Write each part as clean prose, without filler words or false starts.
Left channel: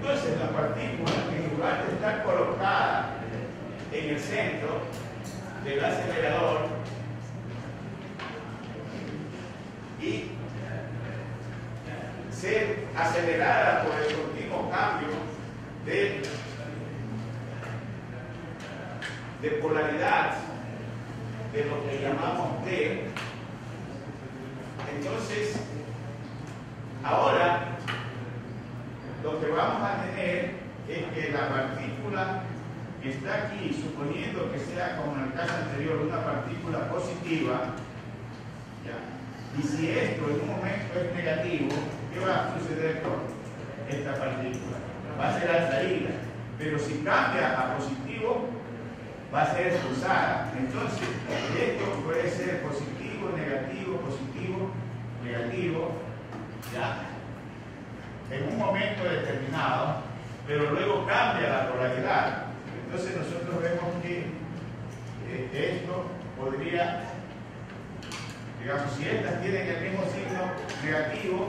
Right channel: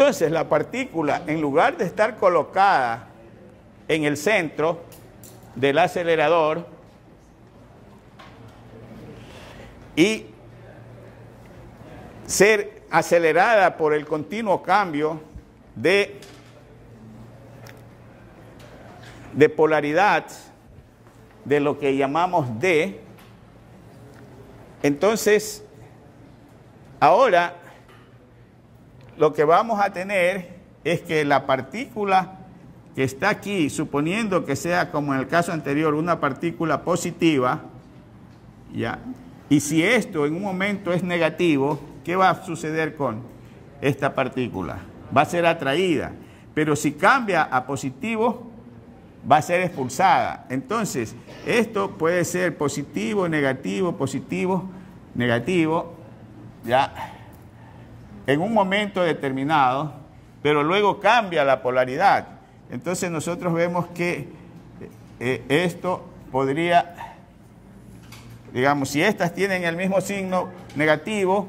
Entonces la partícula, en lugar de estar colocada en el centro del acelerador y ser acelerada por el continuo cambio de polaridad de lo que llamamos D, entonces ahora lo que vamos a tener es que la partícula que está aquí, suponiendo que sea como en el caso anterior una partícula positiva, ¿ya? Y si esto en un momento es negativo, ¿qué va a suceder con esta partícula? Va a ser atraída, pero si cambia a positivo, va a ser expulsada. Entonces, esto puede ser positivo, negativo, ¿ya? En un momento determinado, pero luego cambia la polaridad. Entonces nosotros vemos que esto podría, digamos, si estas tienen el mismo signo negativo,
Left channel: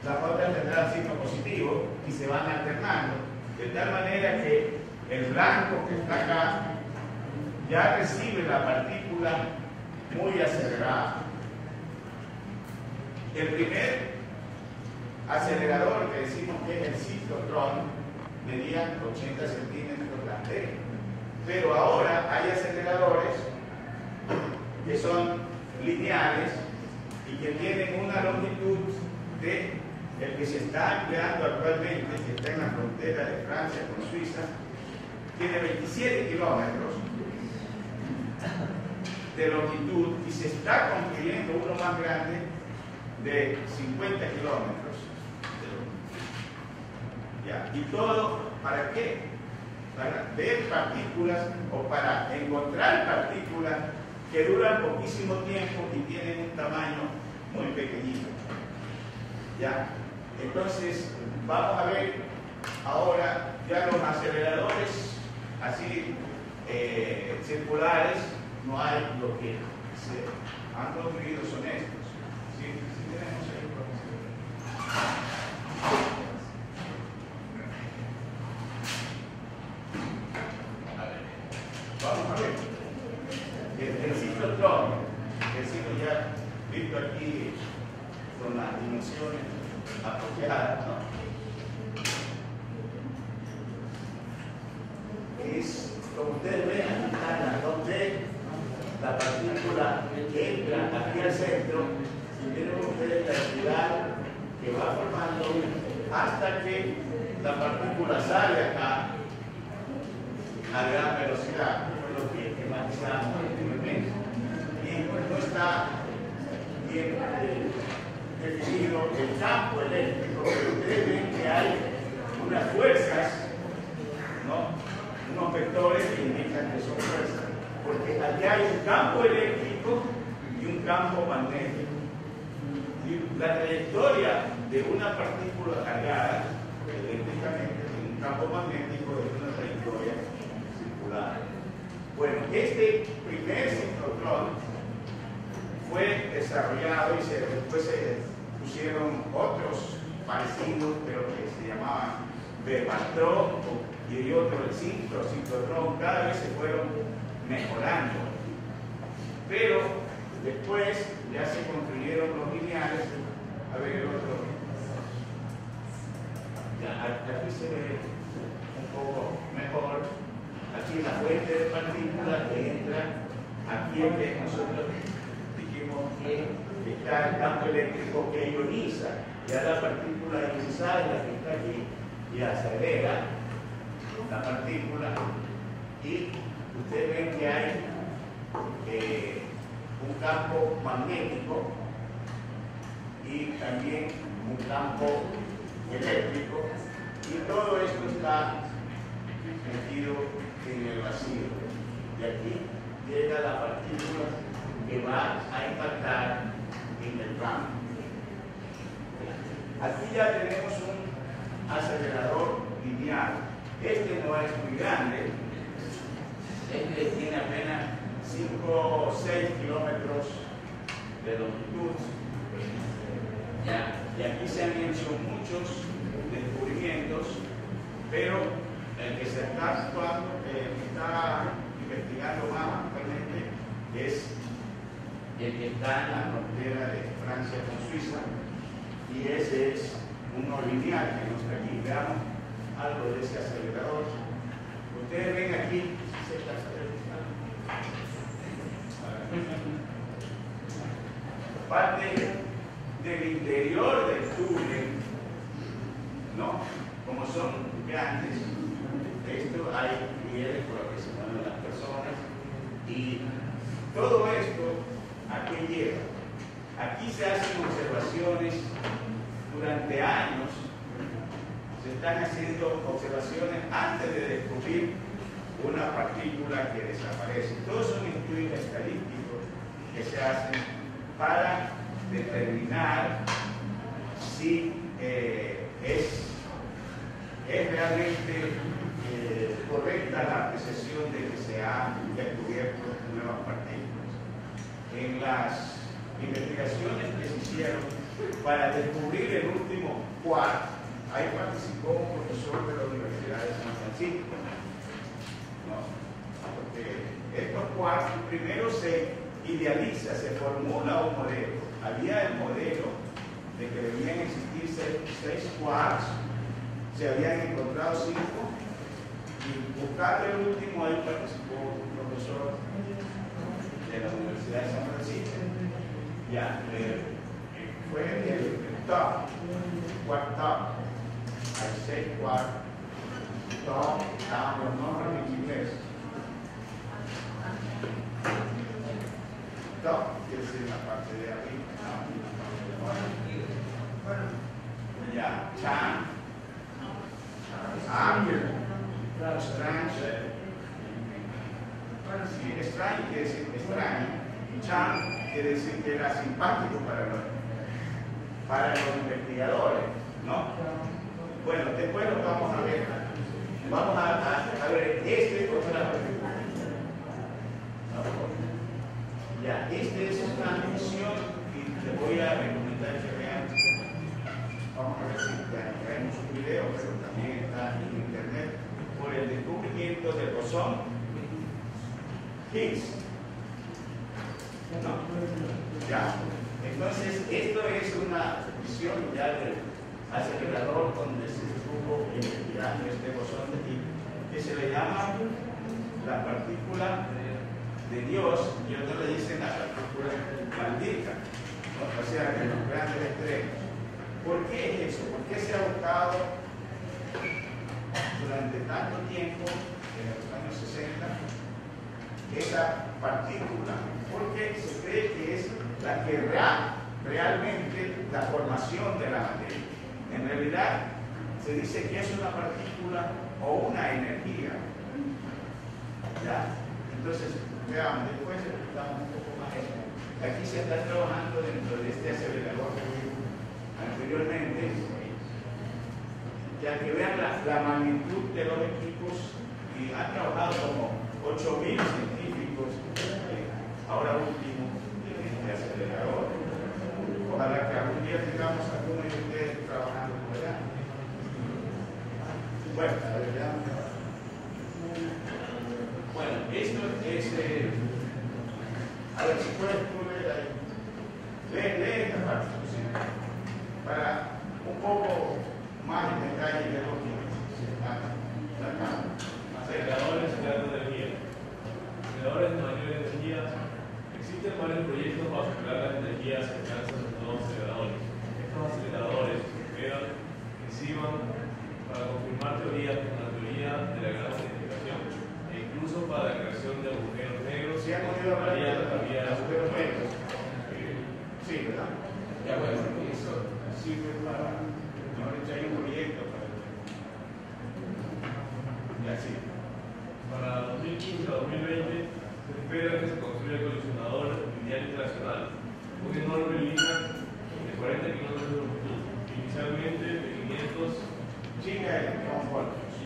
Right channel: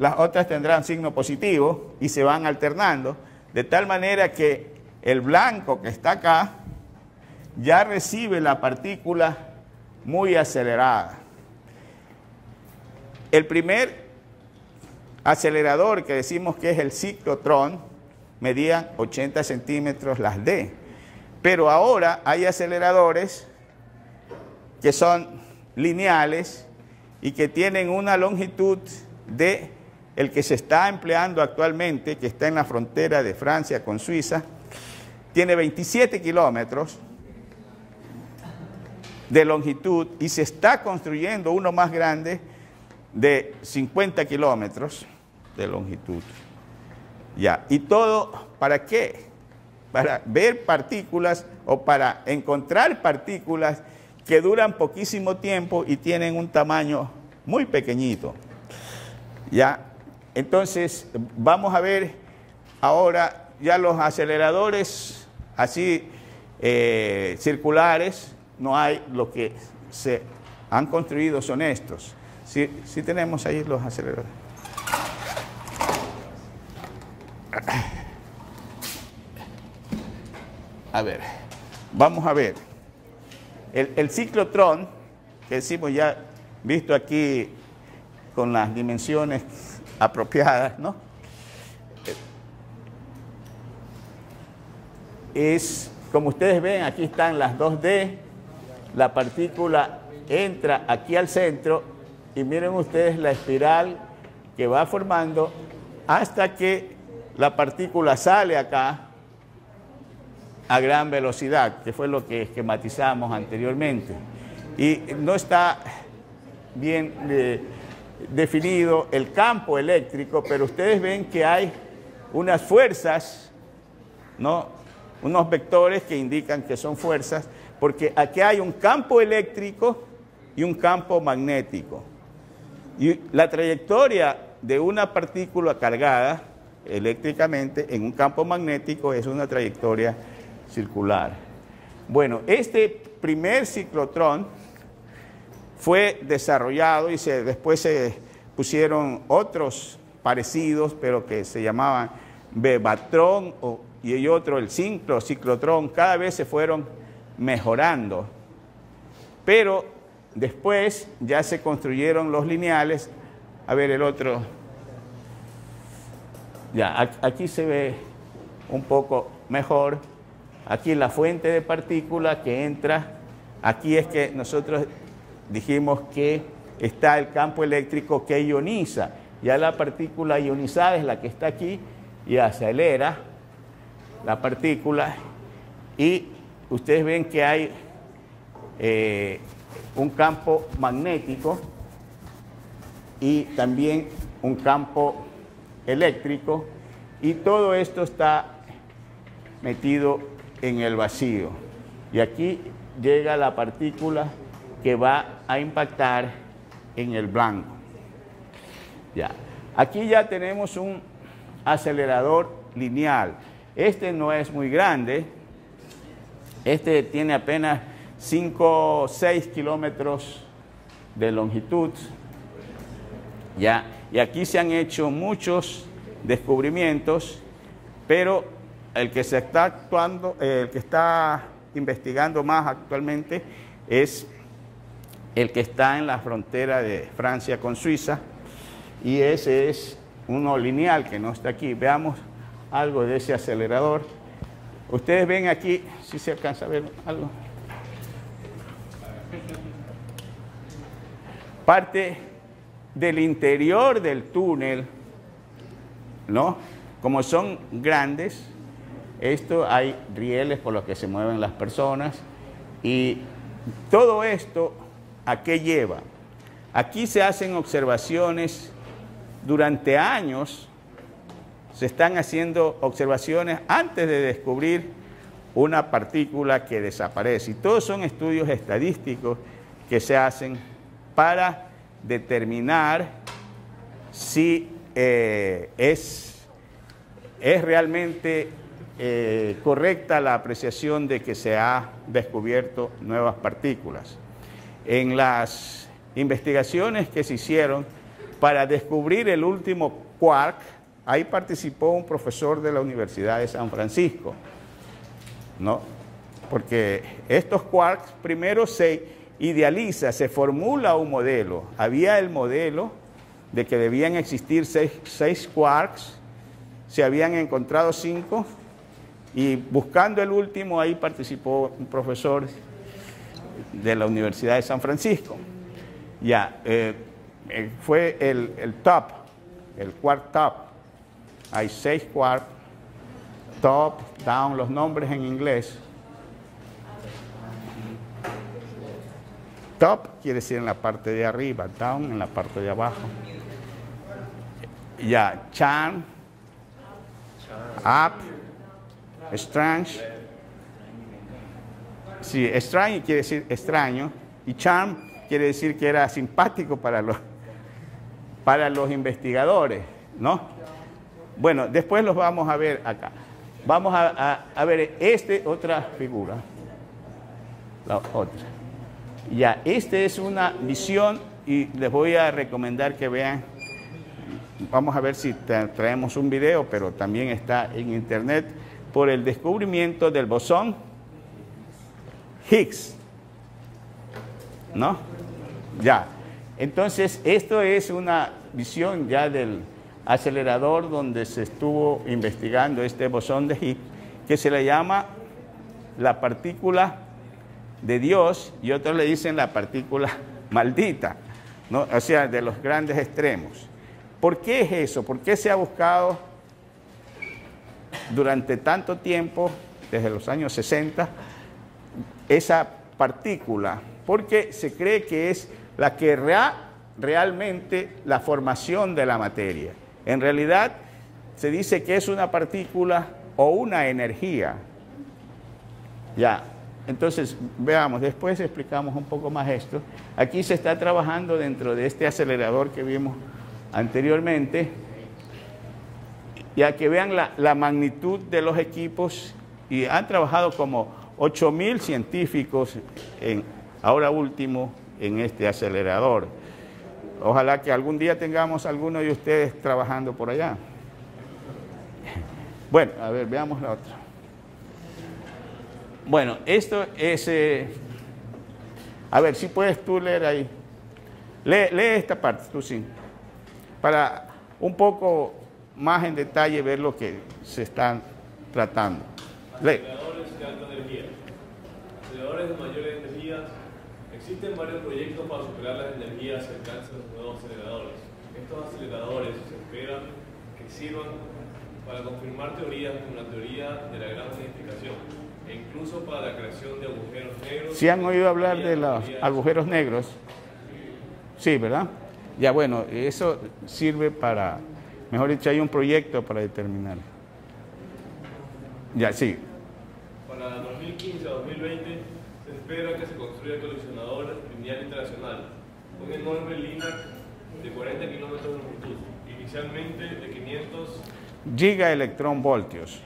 las otras tendrán signo positivo y se van alternando, de tal manera que el blanco que está acá ya recibe la partícula muy acelerada. El primer acelerador que decimos que es el ciclotrón medía 80 centímetros las D, pero ahora hay aceleradores que son lineales y que tienen una longitud de el que se está empleando actualmente, que está en la frontera de Francia con Suiza, tiene 27 kilómetros de longitud y se está construyendo uno más grande de 50 kilómetros de longitud. Ya, ¿y todo para qué? Para ver partículas o para encontrar partículas que duran poquísimo tiempo y tienen un tamaño muy pequeñito. Ya, entonces vamos a ver ahora ya los aceleradores así circulares, no hay, lo que se han construido son estos. Sí tenemos ahí los aceleradores. A ver, vamos a ver. El ciclotrón, que decimos ya, visto aquí con las dimensiones apropiadas, ¿no? Es, como ustedes ven, aquí están las 2D, la partícula entra aquí al centro y miren ustedes la espiral que va formando hasta que la partícula sale acá a gran velocidad, que fue lo que esquematizamos anteriormente. Y no está bien definido el campo eléctrico, pero ustedes ven que hay unas fuerzas, ¿no? Unos vectores que indican que son fuerzas, porque aquí hay un campo eléctrico y un campo magnético. Y la trayectoria de una partícula cargada eléctricamente en un campo magnético es una trayectoria circular. Bueno, este primer ciclotrón fue desarrollado y después se pusieron otros parecidos, pero que se llamaban Bebatrón y otro el ciclotrón. Cada vez se fueron mejorando, pero después ya se construyeron los lineales. A ver el otro. Ya, aquí se ve un poco mejor. Aquí la fuente de partícula que entra. Aquí es que nosotros dijimos que está el campo eléctrico que ioniza. Ya la partícula ionizada es la que está aquí y acelera la partícula. Y ustedes ven que hay un campo magnético y también un campo eléctrico, y todo esto está metido en el vacío. Y aquí llega la partícula que va a impactar en el blanco. Ya. Aquí ya tenemos un acelerador lineal. Este no es muy grande. Este tiene apenas 5 o 6 kilómetros de longitud. ¿Ya? Y aquí se han hecho muchos descubrimientos pero el que se está actuando, el que está investigando más actualmente es el que está en la frontera de Francia con Suiza, y ese es uno lineal que no está aquí. Veamos algo de ese acelerador. Ustedes ven aquí, si se alcanza a ver algo. Parte del interior del túnel, ¿no? Como son grandes, esto hay rieles por los que se mueven las personas, y todo esto, ¿a qué lleva? Aquí se hacen observaciones durante años, se están haciendo observaciones antes de descubrir una partícula que desaparece. Y todos son estudios estadísticos que se hacen para determinar si es realmente correcta la apreciación de que se ha descubierto nuevas partículas. En las investigaciones que se hicieron para descubrir el último quark, ahí participó un profesor de la Universidad de San Francisco, ¿no? Porque estos quarks primero se idealiza, se formula un modelo. Había el modelo de que debían existir seis quarks, se habían encontrado 5, y buscando el último, ahí participó un profesor de la Universidad de San Francisco. Ya, fue el top, el quark top. Hay 6 quarks, top, down, los nombres en inglés. Top quiere decir en la parte de arriba, down en la parte de abajo. Ya, Chan, up, strange. Sí, strange quiere decir extraño, y Chan quiere decir que era simpático para los investigadores, ¿no? Bueno, después los vamos a ver acá. Vamos a ver otra figura. La otra. Ya, esta es una visión, y les voy a recomendar que vean. Vamos a ver si traemos un video, pero también está en internet, por el descubrimiento del bosón Higgs, ¿no? Ya, entonces esto es una visión ya del acelerador donde se estuvo investigando este bosón de Higgs, que se le llama la partícula de Dios, y otros le dicen la partícula maldita, ¿no? O sea, de los grandes extremos. ¿Por qué es eso? ¿Por qué se ha buscado durante tanto tiempo, desde los años 60, esa partícula? Porque se cree que es la que realmente la formación de la materia. En realidad, se dice que es una partícula o una energía. Ya, entonces, veamos, después explicamos un poco más esto. Aquí se está trabajando dentro de este acelerador que vimos anteriormente, ya que vean la magnitud de los equipos, y han trabajado como 8.000 científicos ahora último en este acelerador. Ojalá que algún día tengamos alguno de ustedes trabajando por allá. Bueno, a ver, veamos la otra. Bueno, esto es... a ver, si puedes tú leer ahí. Lee esta parte, tú sí. Para un poco más en detalle ver lo que se está tratando. Lee. Aceleradores de mayor energía. Existen varios proyectos para superar las energías que alcanzan los nuevos aceleradores. Estos aceleradores se emplean y sirvan para confirmar teorías como la teoría de la gran unificación, e incluso para la creación de agujeros negros. ¿Sí han oído hablar de los agujeros negros? Sí, ¿verdad? Ya, bueno, eso sirve para, mejor dicho, hay un proyecto para determinar. Ya, sí. Para 2015 a 2020 se espera que se construya el colisionador lineal internacional, un enorme línea de 40 kilómetros de longitud, inicialmente de 500 gigaelectronvoltios.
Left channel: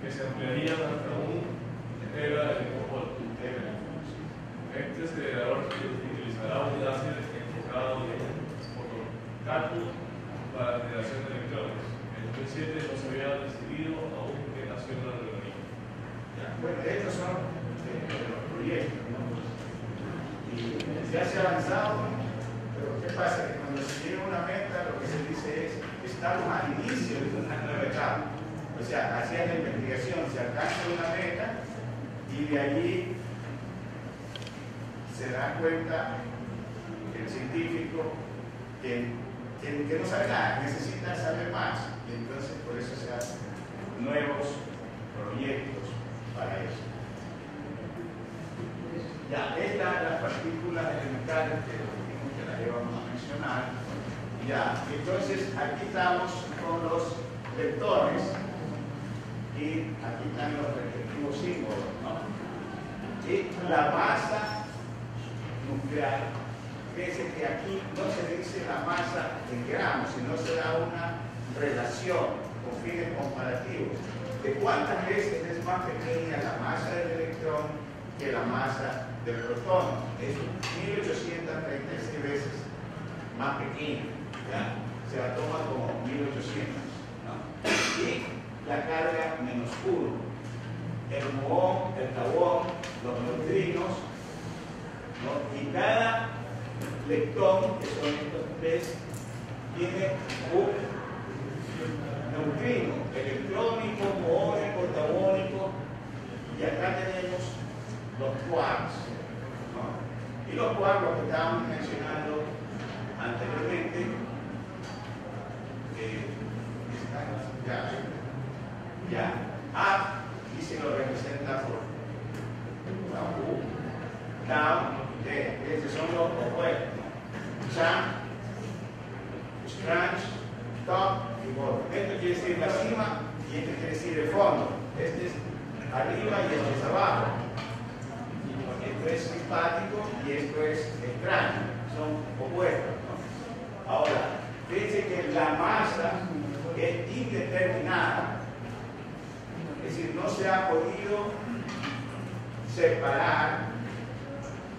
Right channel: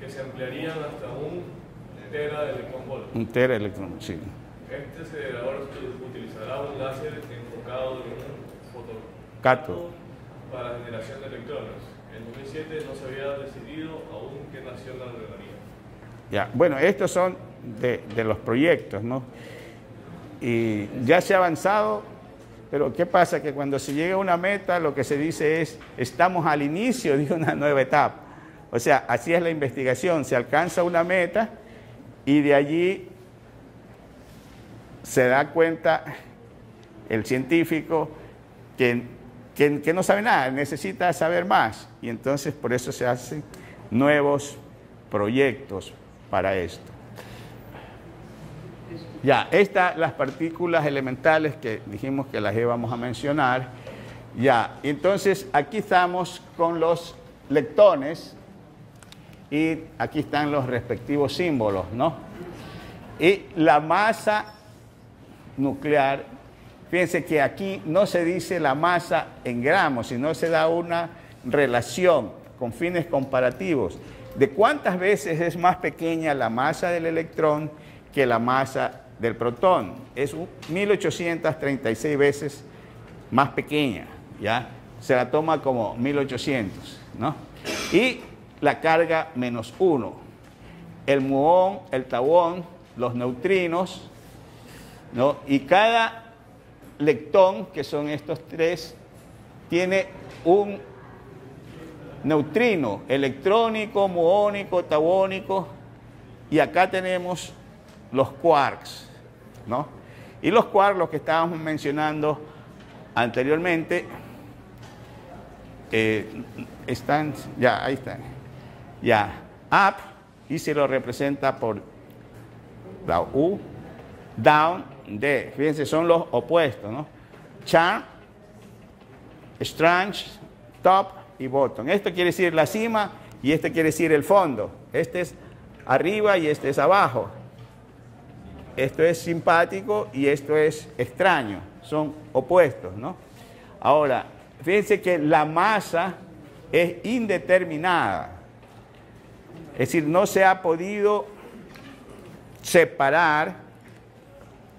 Que se ampliarían hasta un teraelectronvoltios. Un teraelectrón, sí. Este acelerador utilizará un láser enfocado en un fotón Cátodo. para la generación de electrones. El 2007 no se había decidido aún qué nación era el organismo. Ya, bueno, estos son de los proyectos, ¿no? Y ya se ha avanzado, pero ¿qué pasa? Que cuando se llega a una meta, lo que se dice es, estamos al inicio de una nueva etapa. O sea, así es la investigación, se alcanza una meta y de allí se da cuenta el científico que no sabe nada, necesita saber más. Y entonces por eso se hacen nuevos proyectos para esto. Ya, estas las partículas elementales que dijimos que las íbamos a mencionar. Ya, entonces aquí estamos con los leptones y aquí están los respectivos símbolos, ¿no? Y la masa nuclear, fíjense que aquí no se dice la masa en gramos, sino se da una relación con fines comparativos de cuántas veces es más pequeña la masa del electrón que la masa del protón. Es 1836 veces más pequeña, ¿ya? Se la toma como 1800, ¿no? Y la carga -1. El muón, el tauón, los neutrinos, ¿no? Y cada leptón, que son estos tres, tiene un neutrino electrónico, muónico, tauónico, y acá tenemos los quarks, ¿no? Y los quarks, los que estábamos mencionando anteriormente, están, ya, ahí están, ya, up, y se lo representa por la U, down, D, fíjense, son los opuestos, ¿no? Cha, strange, top y bottom. Esto quiere decir la cima y este quiere decir el fondo. Este es arriba y este es abajo. Esto es simpático y esto es extraño. Son opuestos, ¿no? Ahora, fíjense que la masa es indeterminada. Es decir, no se ha podido separar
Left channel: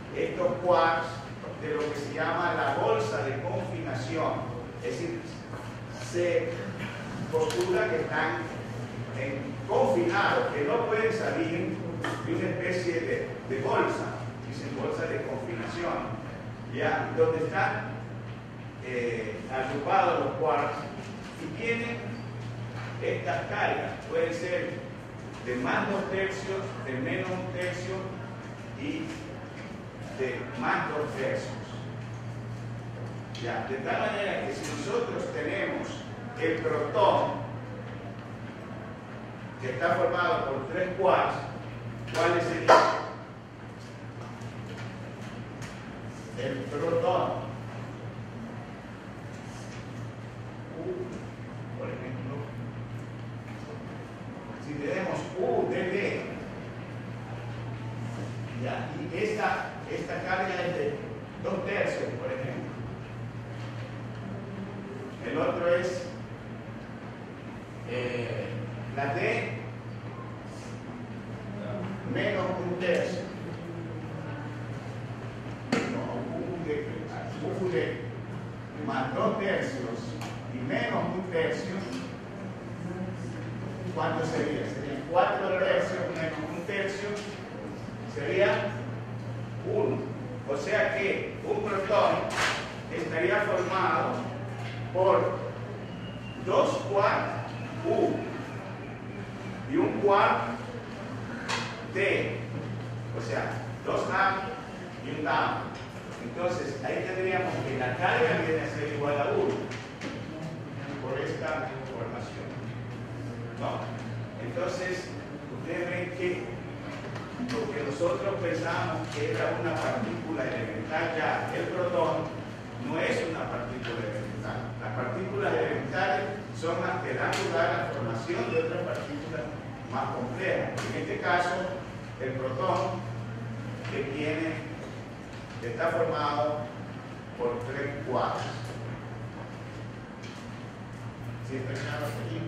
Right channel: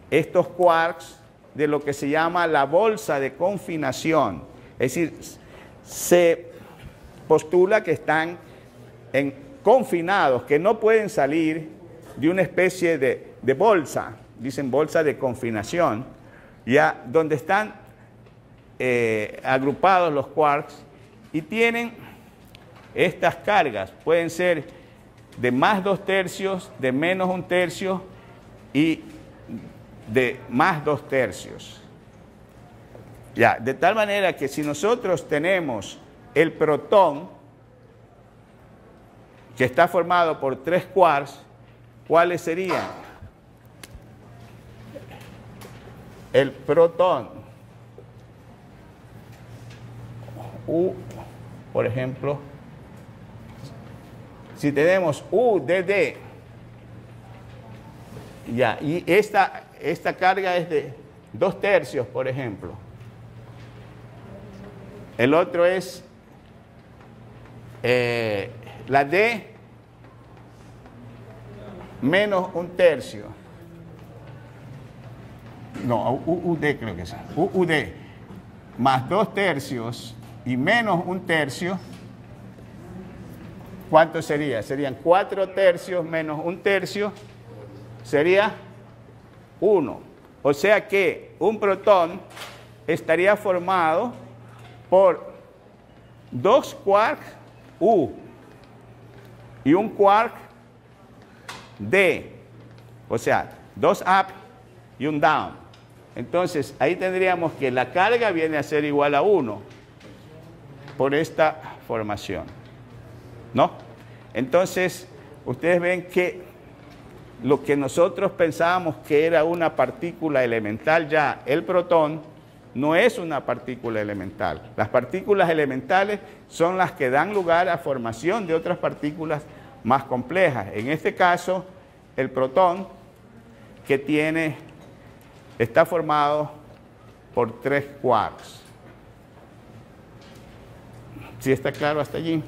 estos quarks de lo que se llama la bolsa de confinación. Es decir, se postula que están confinados, que no pueden salir de una especie de bolsa, dicen bolsa de confinación, ya donde están agrupados los quarks y tienen estas cargas. Pueden ser de más 2/3, de menos 1/3 y de más 2/3. Ya, de tal manera que si nosotros tenemos el protón, que está formado por 3 quarks, ¿cuáles serían? El protón, U, por ejemplo, si tenemos U de D, ya, y esta carga es de 2/3, por ejemplo. El otro es la D menos 1/3. No, UD creo que es. UD más 2/3 y menos 1/3. ¿Cuánto sería? Serían 4/3 menos 1/3. Sería 1. O sea que un protón estaría formado por 2 quarks U y un quark D. O sea, 2 up y un down. Entonces, ahí tendríamos que la carga viene a ser igual a 1 por esta formación, ¿no? Entonces, ustedes ven que lo que nosotros pensábamos que era una partícula elemental, ya el protón no es una partícula elemental. Las partículas elementales son las que dan lugar a formación de otras partículas más complejas. En este caso, el protón que está formado por 3 quarks. ¿Sí está claro hasta allí?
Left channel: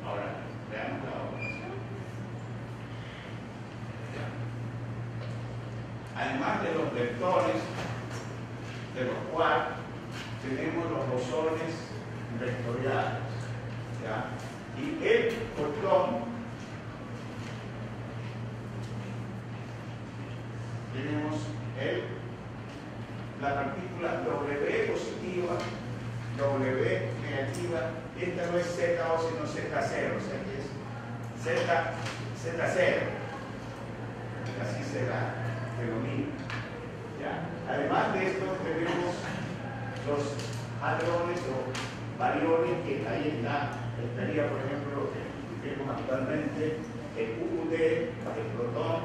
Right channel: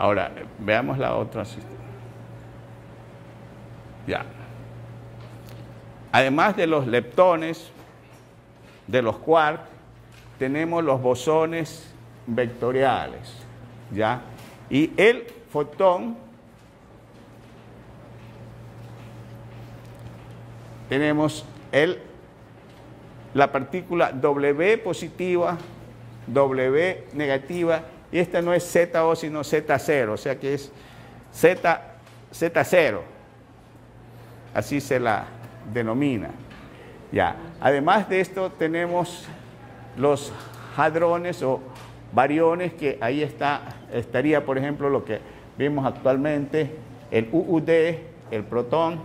Ahora, veamos la otra. Ya. Además de los leptones, de los quarks, tenemos los bosones vectoriales, ¿ya? Y el fotón, tenemos la partícula W positiva, W negativa, y esta no es ZO sino Z0, o sea que es Z0, así se la denomina. Ya. Además de esto tenemos los hadrones o bariones, que ahí estaría, por ejemplo, lo que vimos actualmente, el UUD, el protón,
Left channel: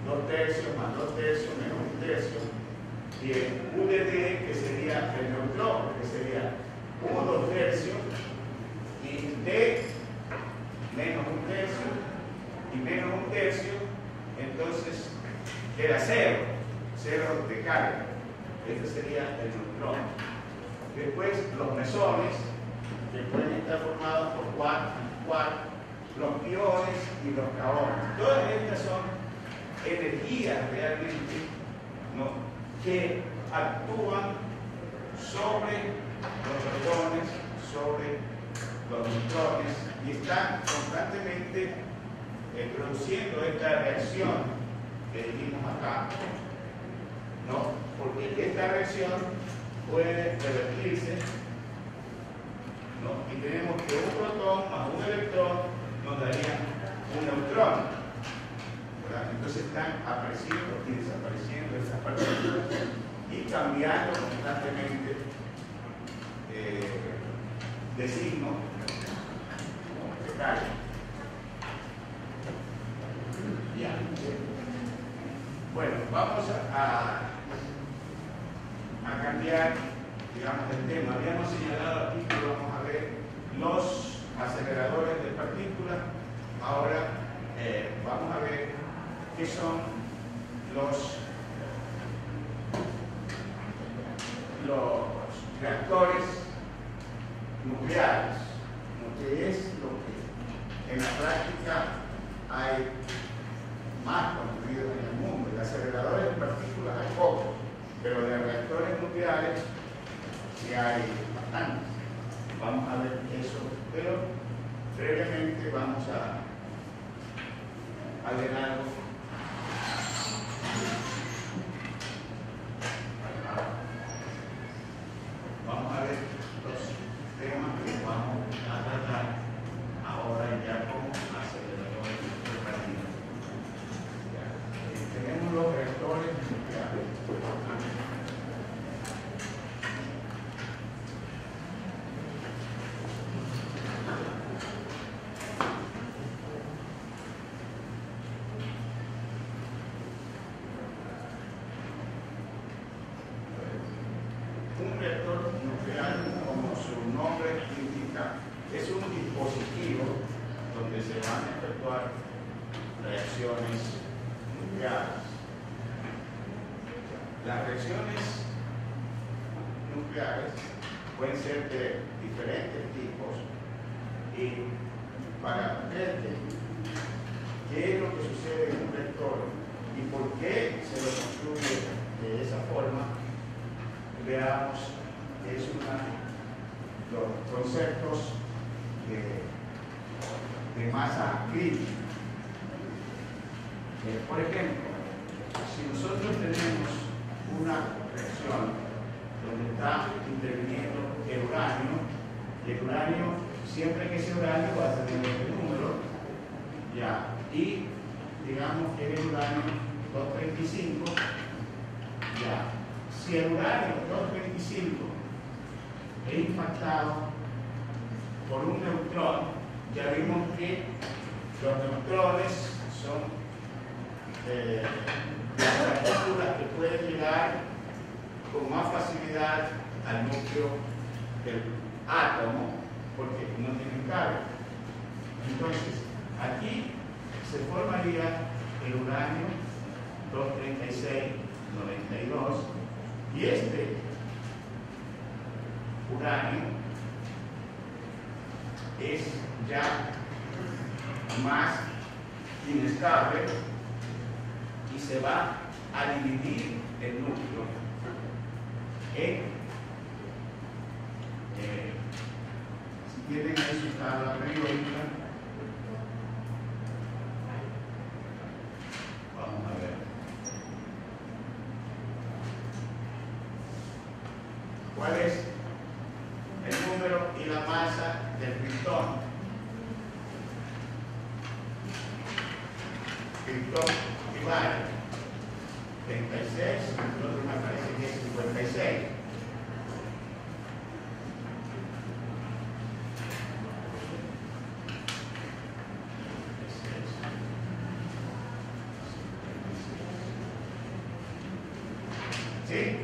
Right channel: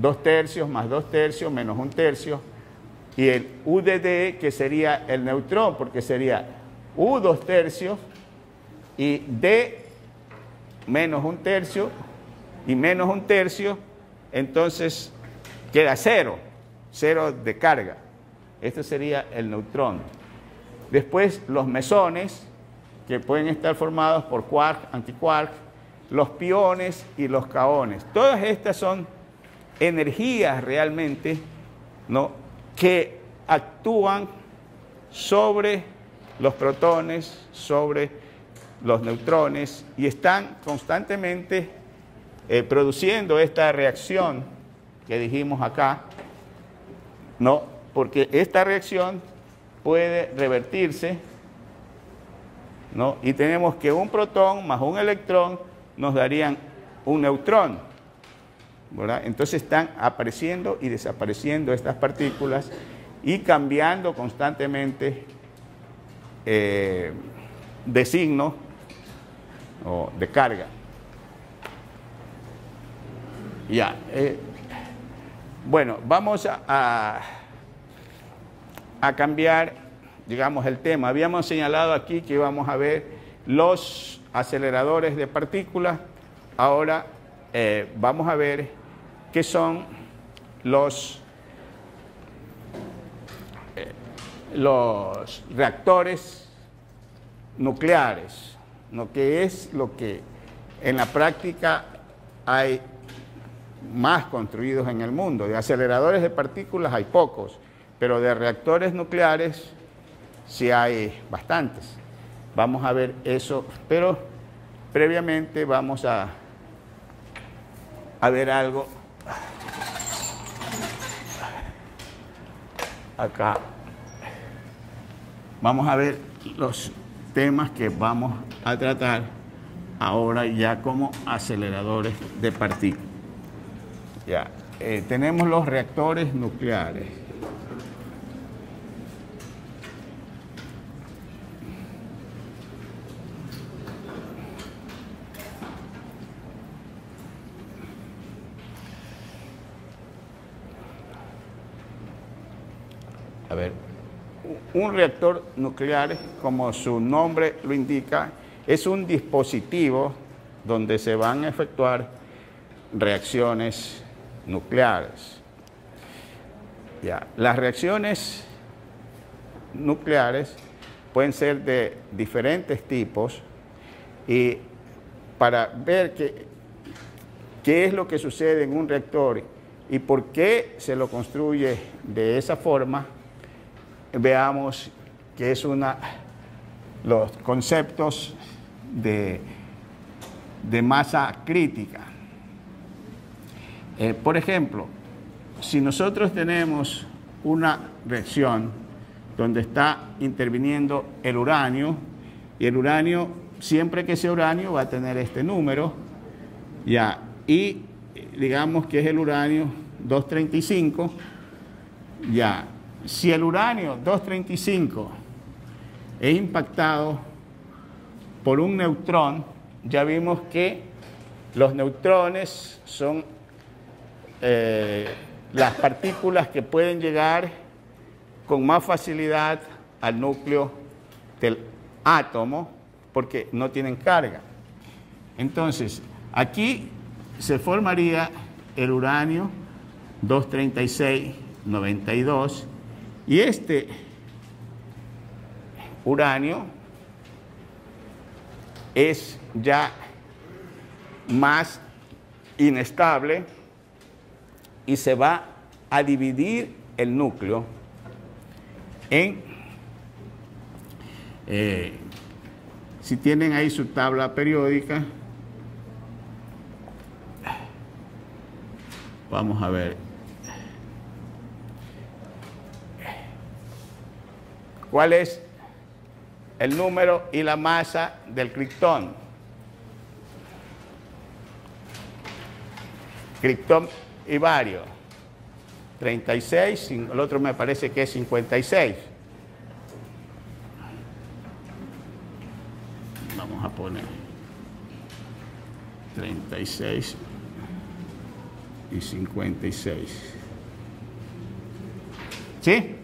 2/3 más 2/3 menos 1/3, y el UDD, que sería el neutrón, porque sería U 2/3 y D menos 1/3 y menos 1/3, entonces queda cero de carga. Este sería el neutrón. Después los mesones, que pueden estar formados por quark, antiquark, los piones y los kaones. Todas estas son energías realmente, ¿no?, que actúan sobre los protones, sobre los neutrones, y están constantemente produciendo esta reacción que dijimos acá, ¿no? Porque esta reacción puede revertirse, ¿no? Y tenemos que un protón más un electrón nos darían un neutrón, ¿verdad? Entonces están apareciendo y desapareciendo estas partículas y cambiando constantemente de signo o de carga. Ya. Bueno, vamos a cambiar, digamos, el tema. Habíamos señalado aquí que íbamos a ver los aceleradores de partículas. Ahora vamos a ver qué son los reactores nucleares, lo que es lo que en la práctica hay más construidos en el mundo. De aceleradores de partículas hay pocos, pero de reactores nucleares sí hay bastantes. Vamos a ver eso, pero previamente vamos a ver algo acá. Vamos a ver los temas que vamos a tratar ahora ya como aceleradores de partículas. Ya, tenemos los reactores nucleares. A ver, un reactor nuclear, como su nombre lo indica, es un dispositivo donde se van a efectuar reacciones nucleares. Ya. Las reacciones nucleares pueden ser de diferentes tipos, y para ver qué es lo que sucede en un reactor y por qué se lo construye de esa forma, veamos qué es los conceptos de masa crítica. Por ejemplo, si nosotros tenemos una reacción donde está interviniendo el uranio, y el uranio, siempre que sea uranio, va a tener este número, ya, y digamos que es el uranio 235, ya. Si el uranio 235 es impactado por un neutrón, ya vimos que los neutrones son las partículas que pueden llegar con más facilidad al núcleo del átomo porque no tienen carga. Entonces, aquí se formaría el uranio 236-92, y este uranio es ya más inestable y se va a dividir el núcleo en, si tienen ahí su tabla periódica, vamos a ver cuál es el número y la masa del criptón. Criptón y bario, 36, el otro me parece que es 56. Vamos a poner 36 y 56. ¿Sí?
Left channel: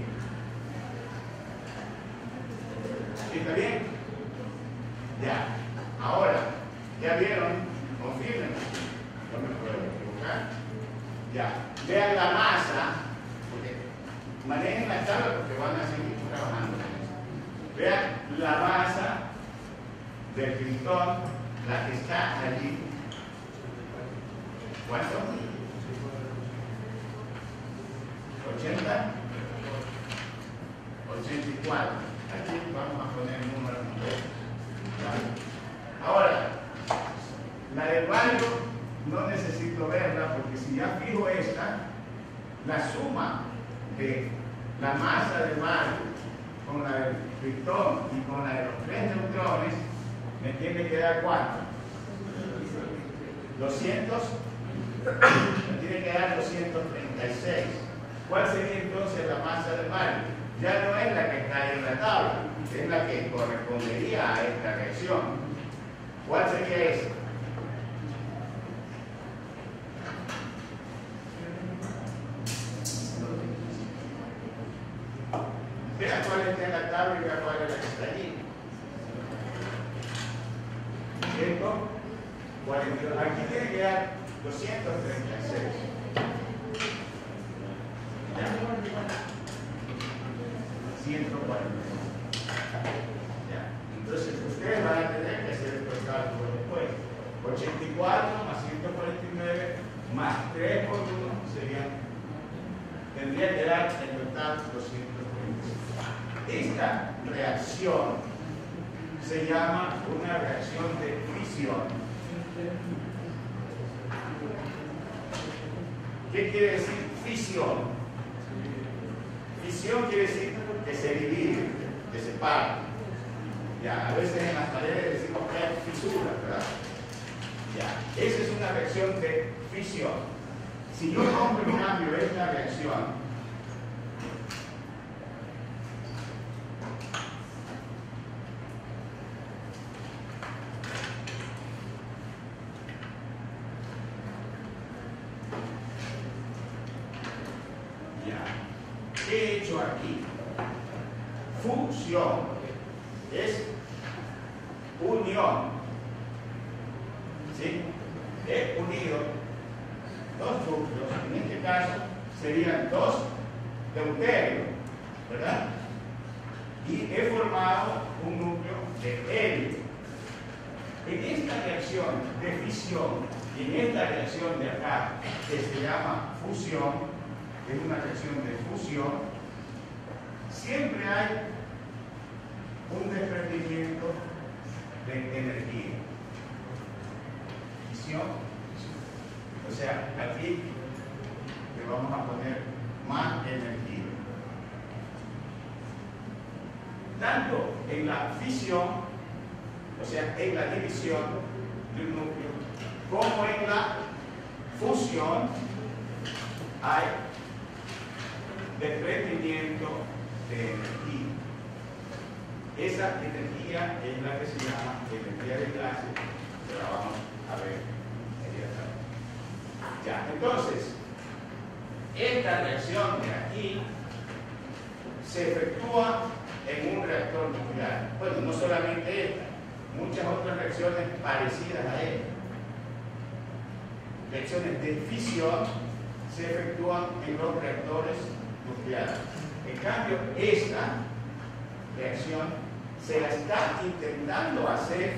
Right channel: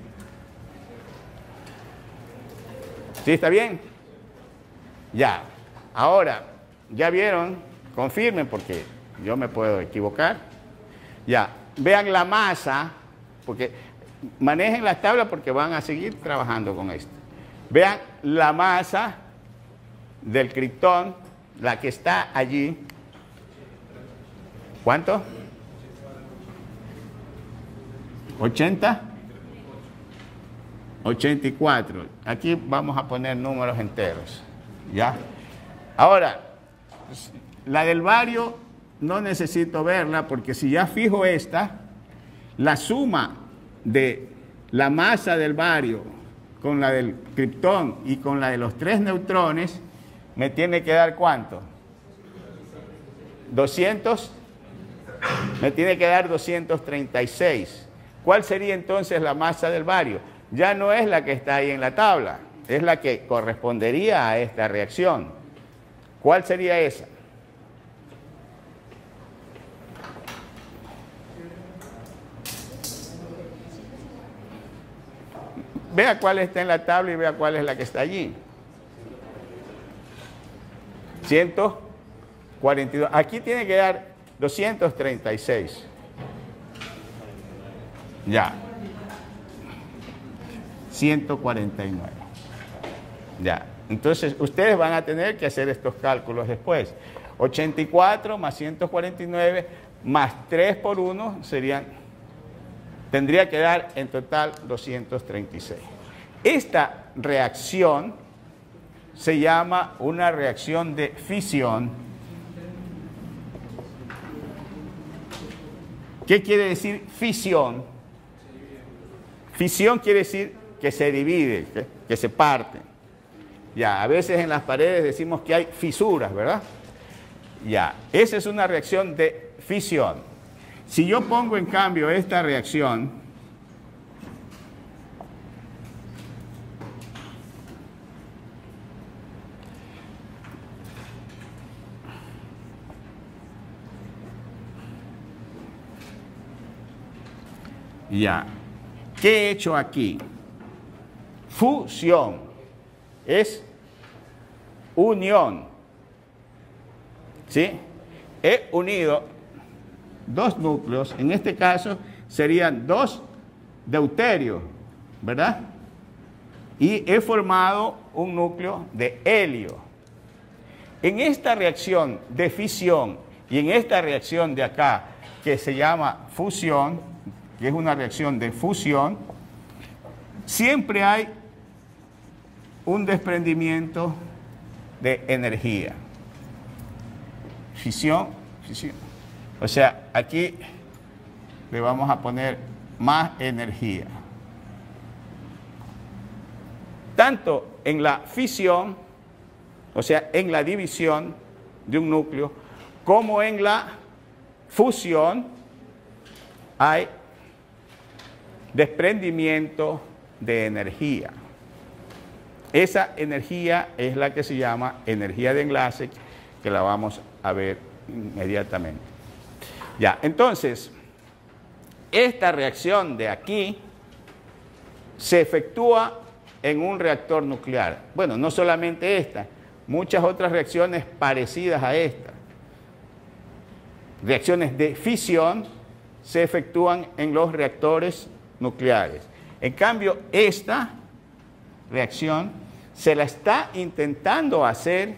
¿Sí está bien? Ya. Ahora, ¿ya vieron? Confirmen porque yo me puedo equivocar. Ya. Vean la masa, porque manejen las tablas porque van a seguir trabajando con esto. Vean la masa del criptón, la que está allí. ¿Cuánto? 80, 84. Aquí vamos a poner números enteros. ¿Ya? Ahora, la del bario no necesito verla porque si ya fijo esta, la suma de la masa del bario con la del criptón y con la de los 3 neutrones me tiene que dar ¿cuánto? 200, me tiene que dar 236. ¿Cuál sería entonces la masa del bario? Ya no es la que está ahí en la tabla, es la que correspondería a esta reacción. ¿Cuál sería esa? Vea cuál está en la tabla y vea cuál es la que está allí. 142. Aquí tiene que dar 236. Ya. 149. Ya. Entonces, ustedes van a tener que hacer estos cálculos después. 84 más 149 más 3 por 1 tendría que dar en total 236. Esta reacción se llama una reacción de fisión. ¿Qué quiere decir fisión? Fisión quiere decir que se divide, que se parte. Ya, a veces en las paredes decimos que hay fisuras, ¿verdad? Ya, esa es una reacción de fisión. Si yo pongo en cambio esta reacción, ya, ¿qué he hecho aquí? Fusión es unión, ¿sí? He unido dos núcleos, en este caso serían 2 deuterios, ¿verdad? Y he formado un núcleo de helio. En esta reacción de fisión y en esta reacción de acá, que se llama fusión, que es una reacción de fusión, siempre hay un desprendimiento de energía. Fisión, fisión. O sea, aquí le vamos a poner más energía. Tanto en la fisión, o sea, en la división de un núcleo, como en la fusión, hay desprendimiento de energía. Esa energía es la que se llama energía de enlace, que la vamos a ver inmediatamente. Ya, entonces, esta reacción de aquí se efectúa en un reactor nuclear. Bueno, no solamente esta, muchas otras reacciones parecidas a esta. Reacciones de fisión se efectúan en los reactores nucleares. En cambio, esta reacción se la está intentando hacer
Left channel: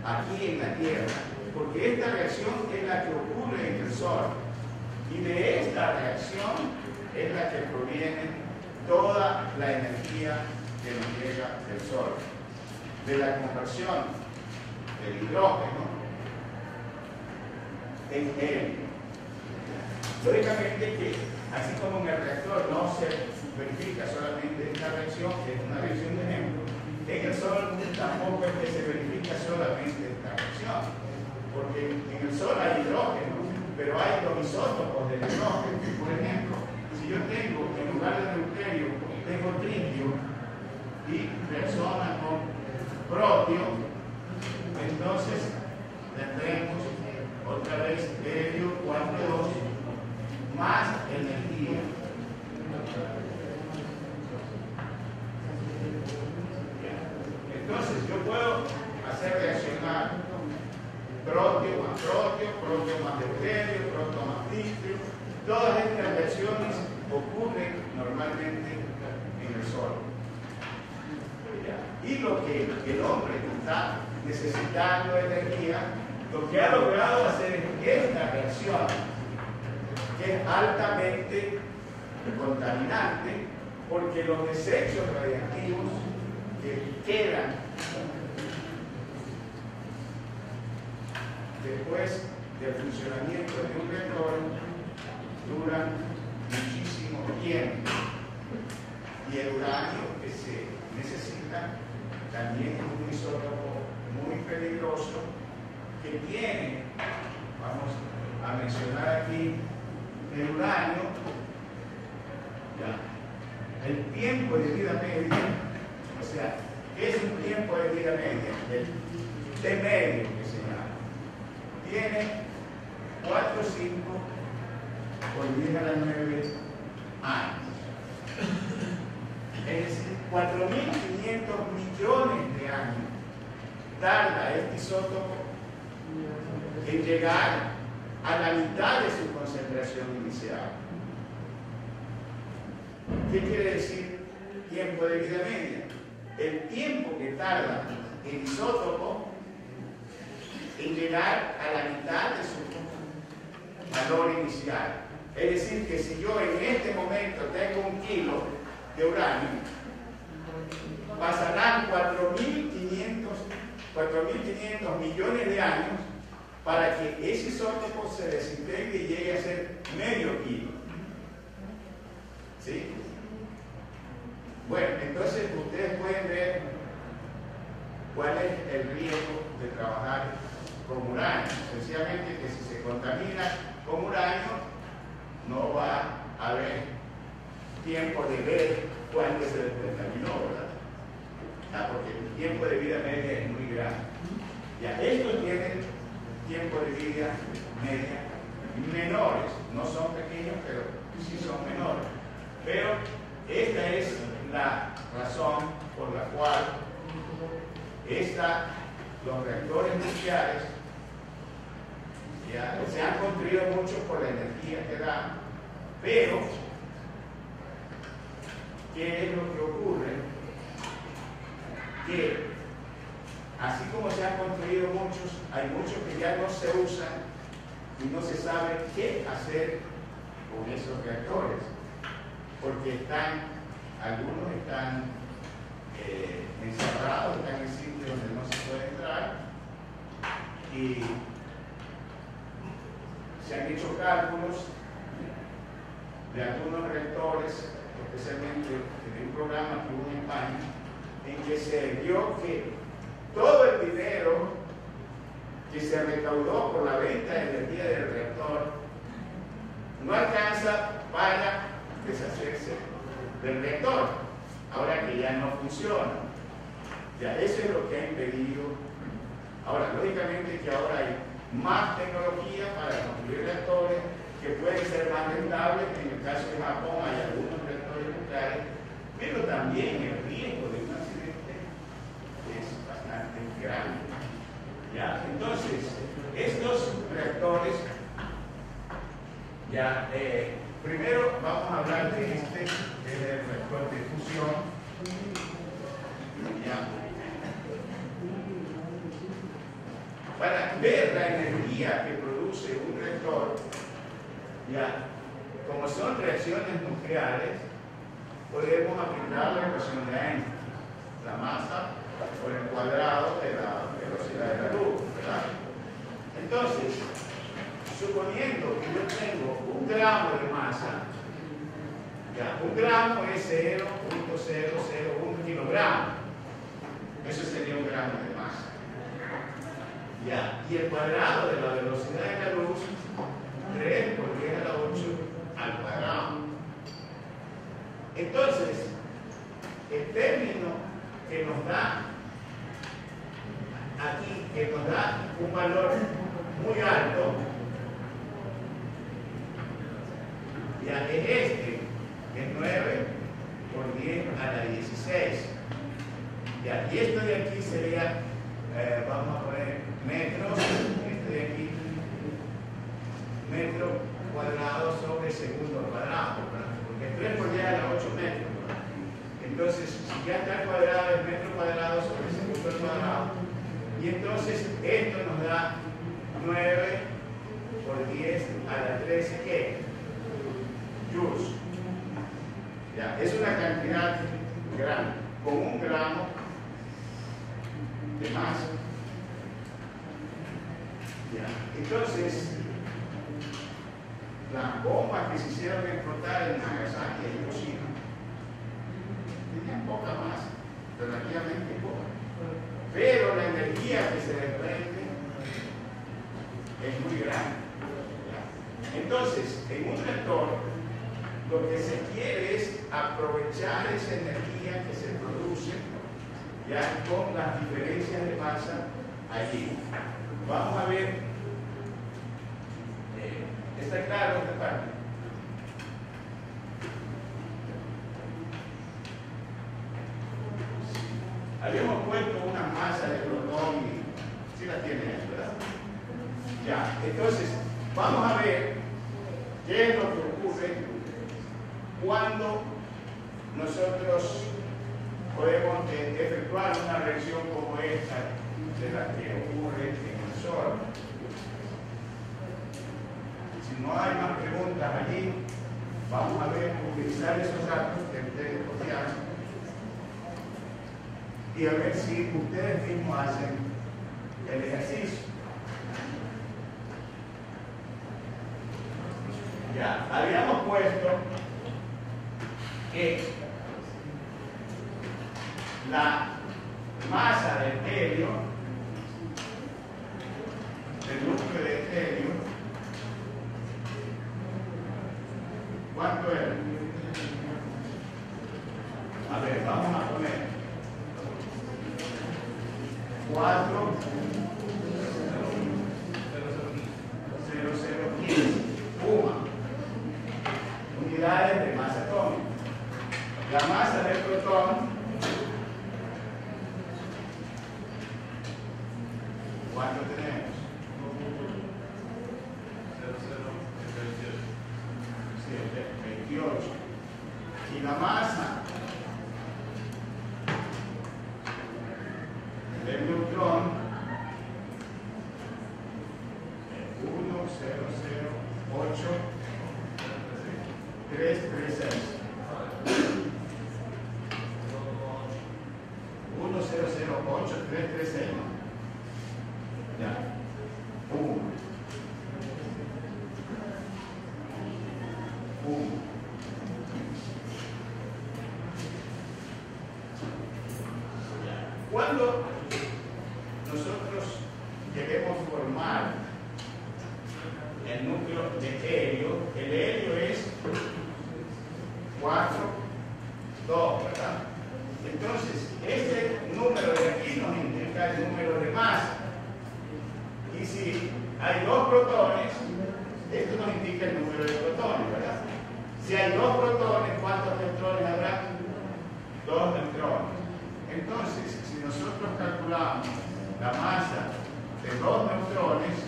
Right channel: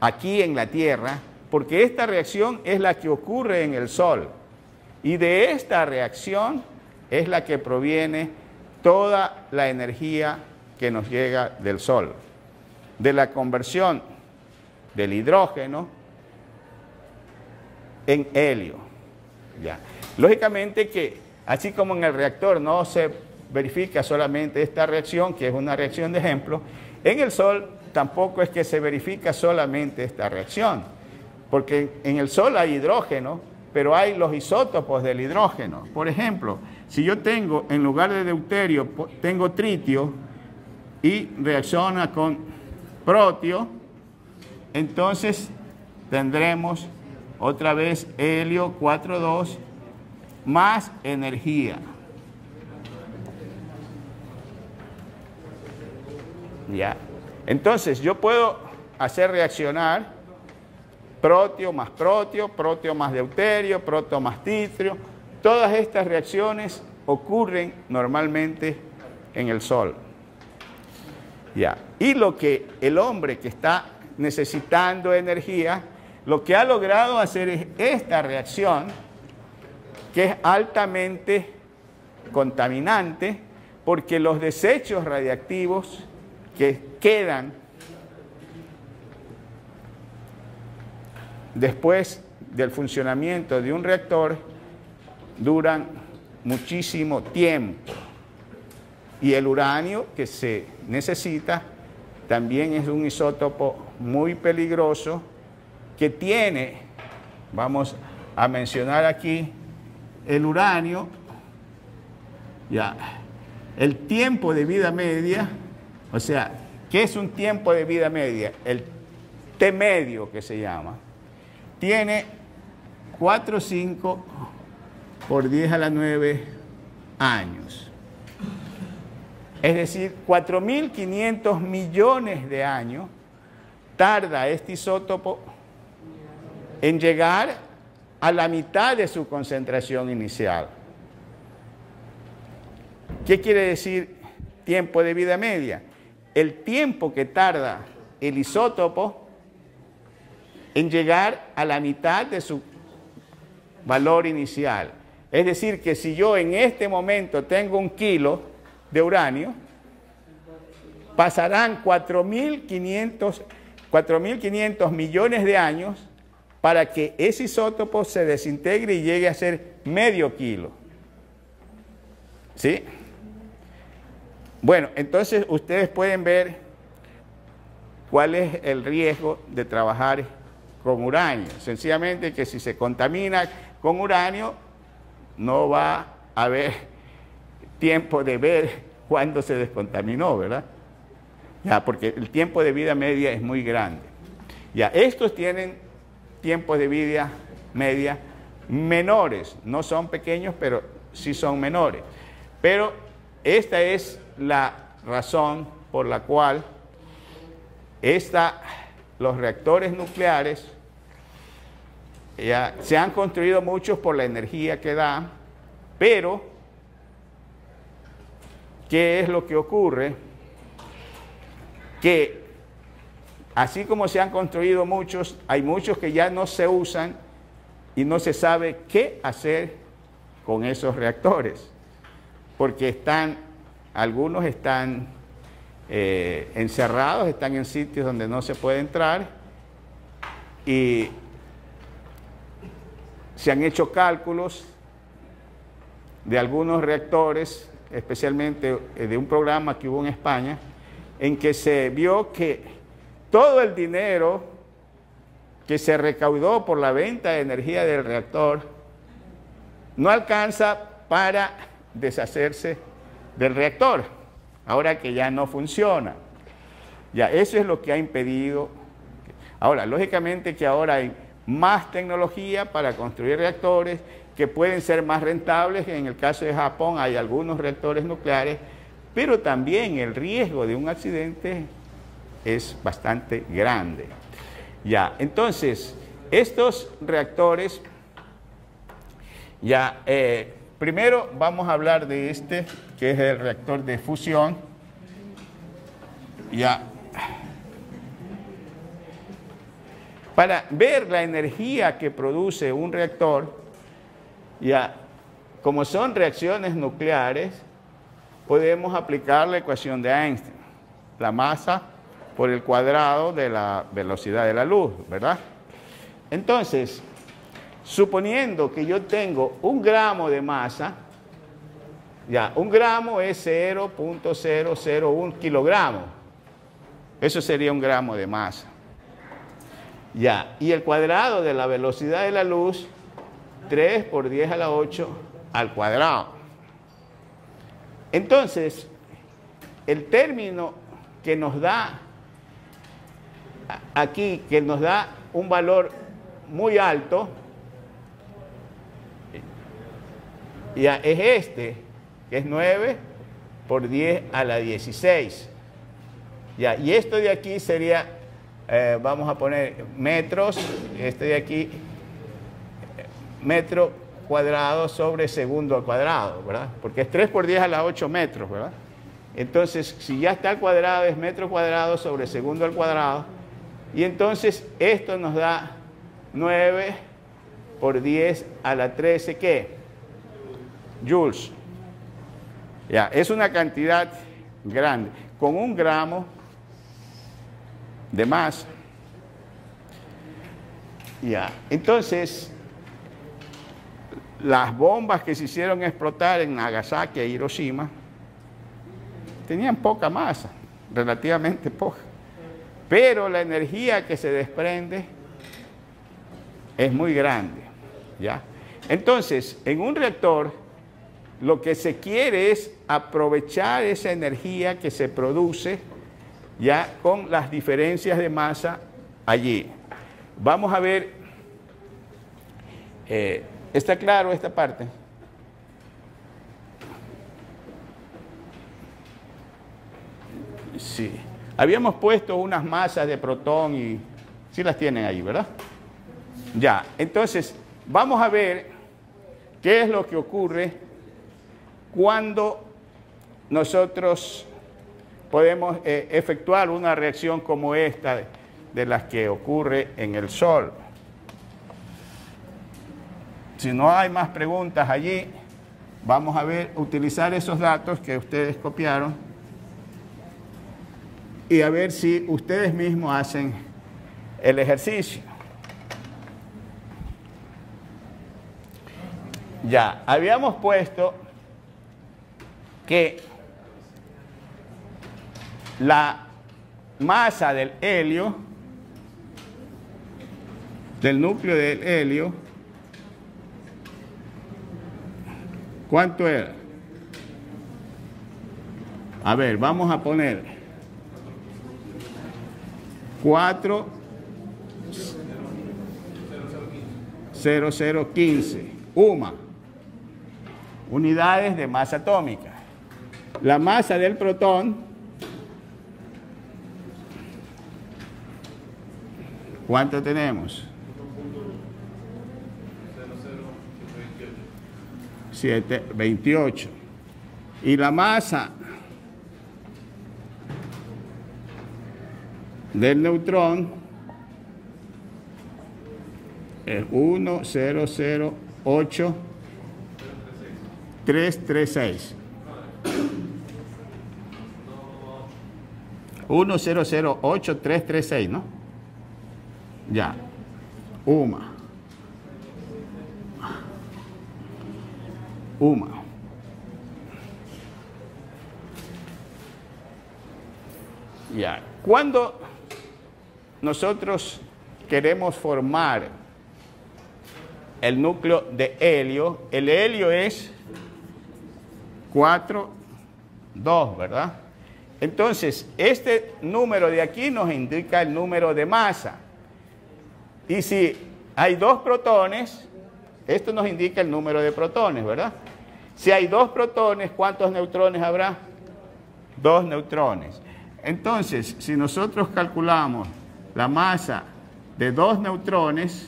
aquí en la Tierra, porque esta reacción es la que ocurre en el Sol. Y de esta reacción es la que proviene toda la energía que nos llega del Sol. De la conversión del hidrógeno en helio. Ya. Lógicamente que, así como en el reactor no se verifica solamente esta reacción, que es una reacción de ejemplo, en el Sol tampoco es que se verifica solamente esta reacción, porque en el Sol hay hidrógeno, pero hay los isótopos del hidrógeno. Por ejemplo, si yo tengo, en lugar de deuterio, tengo tritio y reacciona con protio, entonces tendremos otra vez helio 4,2 más energía. Ya. Entonces yo puedo hacer reaccionar protio más deuterio, protio más tritio. Todas estas reacciones ocurren normalmente en el Sol. Ya. Y lo que el hombre que está necesitando energía, lo que ha logrado hacer es esta reacción, que es altamente contaminante, porque los desechos radiactivos que quedan después del funcionamiento de un reactor duran muchísimo tiempo. Y el uranio que se necesita también es un isótopo muy peligroso que tiene, vamos a mencionar aquí, el uranio, ya, el tiempo de vida media, o sea, ¿qué es un tiempo de vida media? El T medio que se llama. Tiene 4,5 por 10 a la 9 años. Es decir, 4.500 millones de años tarda este isótopo en llegar a la mitad de su concentración inicial. ¿Qué quiere decir tiempo de vida media? El tiempo que tarda el isótopo en llegar a la mitad de su valor inicial. Es decir, que si yo en este momento tengo 1 kilo de uranio, pasarán 4.500 millones de años para que ese isótopo se desintegre y llegue a ser medio kilo. ¿Sí? Bueno, entonces ustedes pueden ver cuál es el riesgo de trabajar con uranio. Sencillamente que si se contamina con uranio, no va a haber tiempo de ver cuándo se descontaminó, ¿verdad? Ya, porque el tiempo de vida media es muy grande. Ya, estos tienen tiempos de vida media menores, no son pequeños, pero sí son menores. Pero esta es la razón por la cual los reactores nucleares ya se han construido muchos por la energía que dan, pero ¿qué es lo que ocurre? Que así como se han construido muchos, hay muchos que ya no se usan y no se sabe qué hacer con esos reactores, porque algunos están encerrados, están en sitios donde no se puede entrar, y se han hecho cálculos de algunos reactores, especialmente de un programa que hubo en España, en que se vio que todo el dinero que se recaudó por la venta de energía del reactor no alcanza para deshacerse del reactor, ahora que ya no funciona. Ya, eso es lo que ha impedido. Ahora, lógicamente que ahora hay más tecnología para construir reactores que pueden ser más rentables. En el caso de Japón hay algunos reactores nucleares, pero también el riesgo de un accidente es bastante grande. Ya, entonces, estos reactores, ya, primero vamos a hablar de este, que es el reactor de fusión. Ya. Para ver la energía que produce un reactor, Ya, como son reacciones nucleares, podemos aplicar la ecuación de Einstein, la masa por el cuadrado de la velocidad de la luz, ¿verdad? Entonces, suponiendo que yo tengo 1 gramo de masa, ya, 1 gramo es 0.001 kilogramos. Eso sería 1 gramo de masa. Ya, y el cuadrado de la velocidad de la luz, 3 por 10 a la 8 al cuadrado. Entonces, el término que nos da aquí, que nos da un valor muy alto, ya es este, que es 9 por 10 a la 16. Ya, y esto de aquí sería, vamos a poner metros, este de aquí, metro cuadrado sobre segundo al cuadrado, ¿verdad? Porque es 3 por 10 a la 8 metros, ¿verdad? Entonces, si ya está al cuadrado, es metro cuadrado sobre segundo al cuadrado. Y entonces, esto nos da 9 por 10 a la 13, ¿qué? Joules. Ya, es una cantidad grande, con 1 gramo de masa. Ya, entonces, las bombas que se hicieron explotar en Nagasaki e Hiroshima tenían poca masa, relativamente poca, pero la energía que se desprende es muy grande, ¿ya? Entonces, en un reactor, lo que se quiere es aprovechar esa energía que se produce ya con las diferencias de masa allí. Vamos a ver, ¿está claro esta parte? Sí. Habíamos puesto unas masas de protón y sí las tienen ahí, ¿verdad? Ya, entonces vamos a ver qué es lo que ocurre cuando nosotros podemos efectuar una reacción como esta de las que ocurre en el Sol. Si no hay más preguntas allí, vamos a ver, utilizar esos datos que ustedes copiaron y a ver si ustedes mismos hacen el ejercicio. Ya, habíamos puesto que la masa del helio, del núcleo de helio, ¿cuánto era? A ver, vamos a poner 4,0015 unidades de masa atómica. La masa del protón, ¿cuánto tenemos? 7,28. Y la masa del neutrón es 1,008336. 1,008336, ¿no? Ya. Uma. Ya. Cuando nosotros queremos formar el núcleo de helio, el helio es 4,2, ¿verdad? Entonces, este número de aquí nos indica el número de masa. Y si hay 2 protones, esto nos indica el número de protones, ¿verdad? Si hay 2 protones, ¿cuántos neutrones habrá? 2 neutrones. Entonces, si nosotros calculamos la masa de 2 neutrones,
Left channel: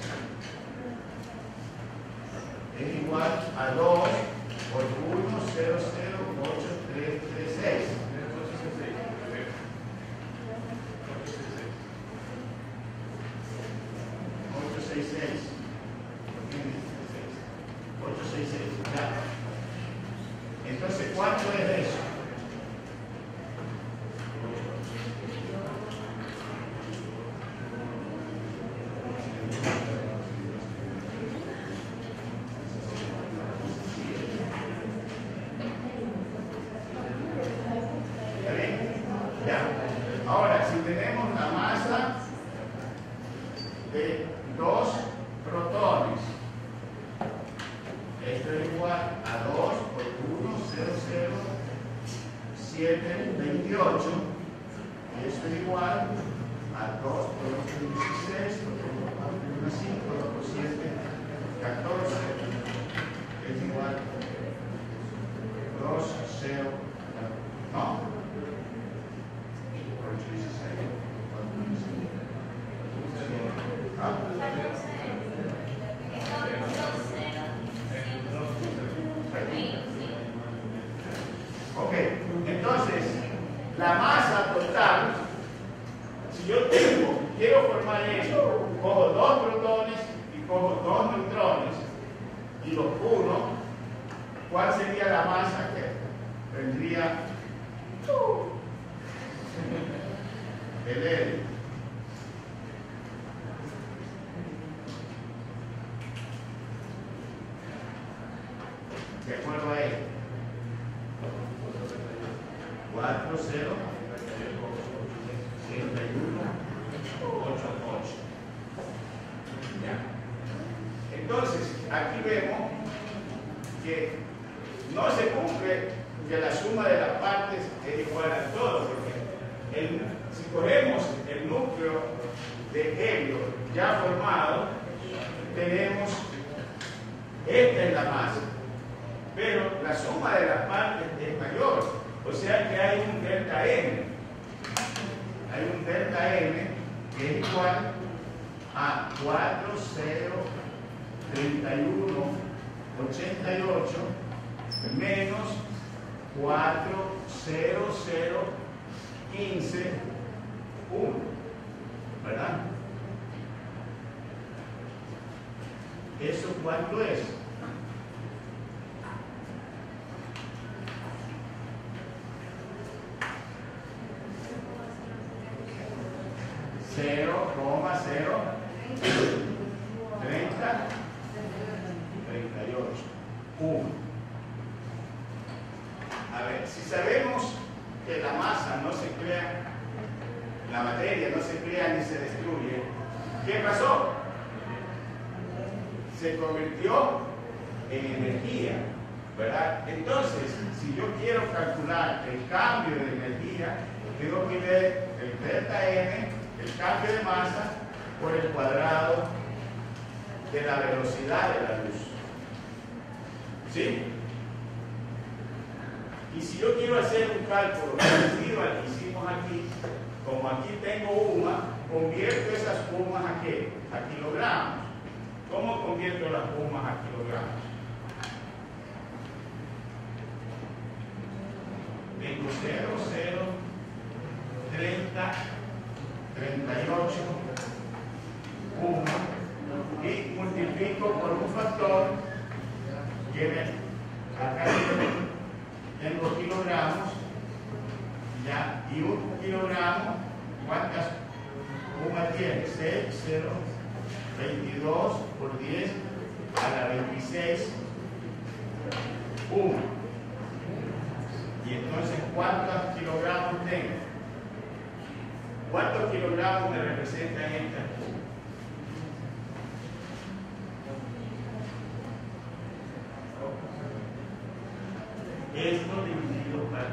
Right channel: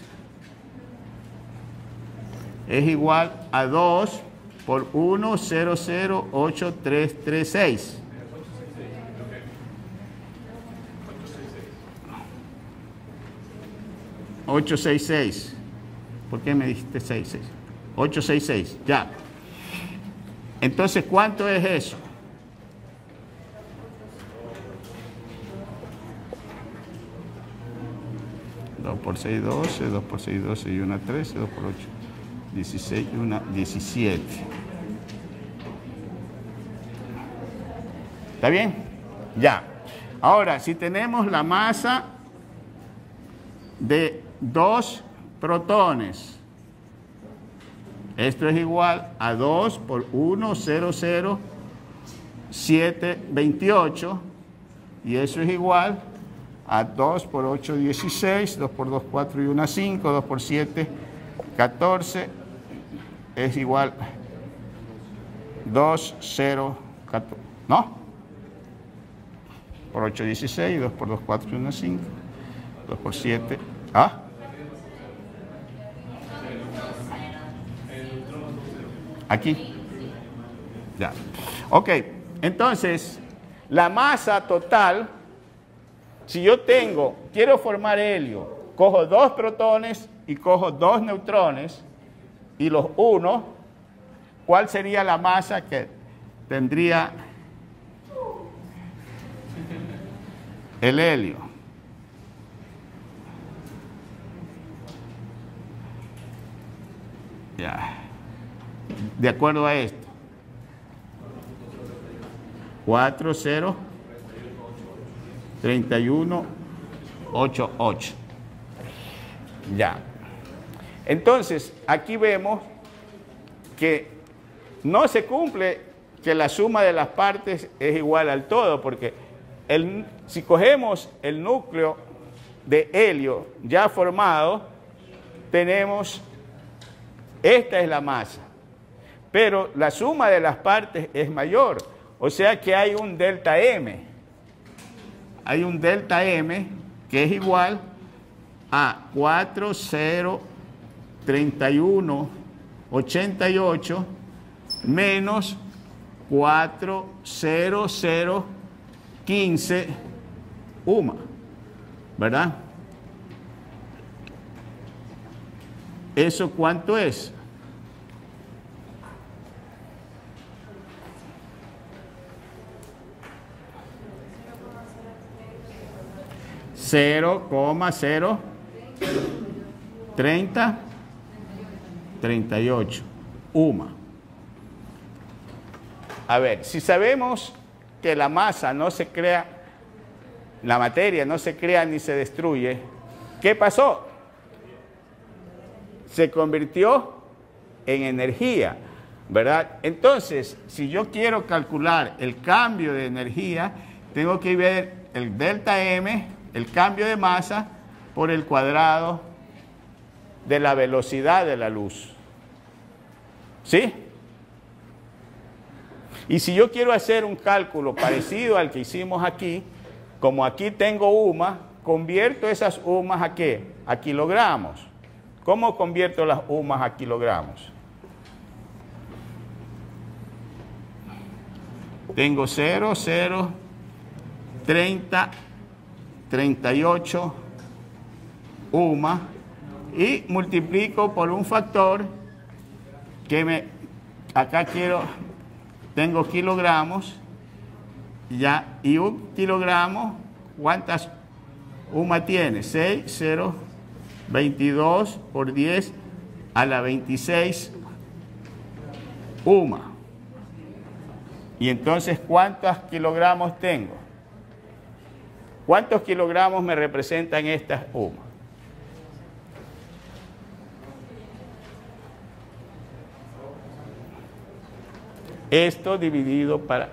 es igual a 2 por 1,008336. 866. ¿Por qué me dijiste 66? 866, ya. Entonces, ¿cuánto es eso? Por 6, 12, 2 por 6, 12 y 1, 13, 2 por 8, 16, 1, 17. ¿Está bien? Ya. Ahora, si tenemos la masa de 2 protones, esto es igual a 2 por 1, 0, 0, 7, 28, y eso es igual a 2 por 8, 16, 2 por 2, 4 y 1, 5, 2 por 7, 14, es igual a 2, 0, 14, ¿no? Por 8, 16, 2 por 2, 4 y 1, 5, 2 por 7, ¿ah? Aquí, ya. Ok, entonces, la masa total, si yo quiero formar helio, cojo 2 protones y cojo 2 neutrones y los uno, ¿cuál sería la masa que tendría el helio? Ya. De acuerdo a esto. 4, 0, 31, 8, 8. Ya. Entonces, aquí vemos que no se cumple que la suma de las partes es igual al todo, porque si cogemos el núcleo de helio ya formado, tenemos, esta es la masa, pero la suma de las partes es mayor, o sea que hay un delta M. Hay un delta M que es igual a 4, 0, 31, 88 menos 4, 0, 0, 15, UMA, ¿verdad? ¿Eso cuánto es? Cero, 30, 38, UMA. A ver, si sabemos que la masa no se crea, la materia no se crea ni se destruye, ¿qué pasó? Se convirtió en energía, ¿verdad? Entonces, si yo quiero calcular el cambio de energía, tengo que ver el delta M, el cambio de masa, por el cuadrado de la velocidad de la luz. ¿Sí? Y si yo quiero hacer un cálculo parecido al que hicimos aquí, como aquí tengo UMA, convierto esas UMAs ¿a qué? A kilogramos. ¿Cómo convierto las UMAs a kilogramos? Tengo 0, 0, 30, 38 UMA y multiplico por un factor que acá tengo kilogramos, ya, y un kilogramo, ¿cuántas UMA tiene? 6, 0, 22 por 10 a la 26 UMA. Y entonces, ¿cuántos kilogramos tengo? ¿Cuántos kilogramos me representan estas UMA? Esto dividido para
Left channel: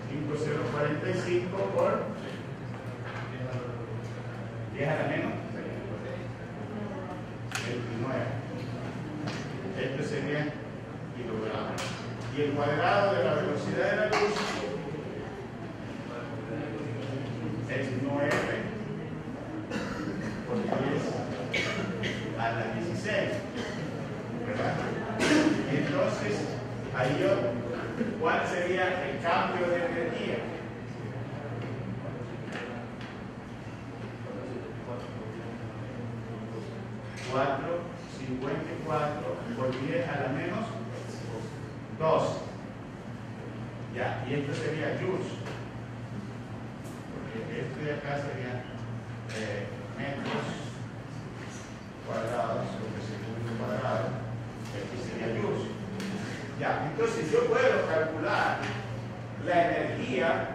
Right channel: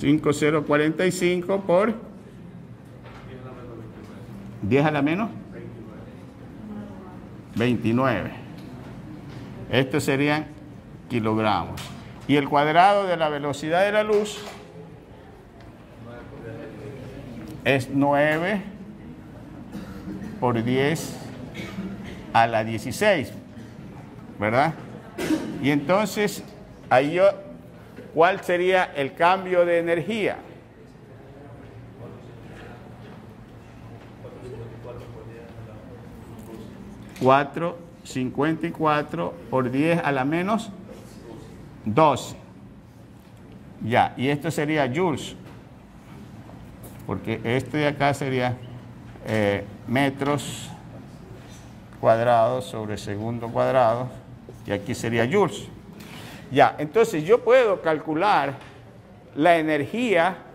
5,045 por 10 a la menos 29. Estos serían kilogramos. Y el cuadrado de la velocidad de la luz es 9 por 10 a la 16, ¿verdad? Y entonces, ahí ¿cuál sería el cambio de energía? 454 por 10 a la menos 2. Ya, y esto sería joules, porque este de acá sería metros cuadrados sobre segundo cuadrado, y aquí sería joules. Ya, entonces yo puedo calcular la energía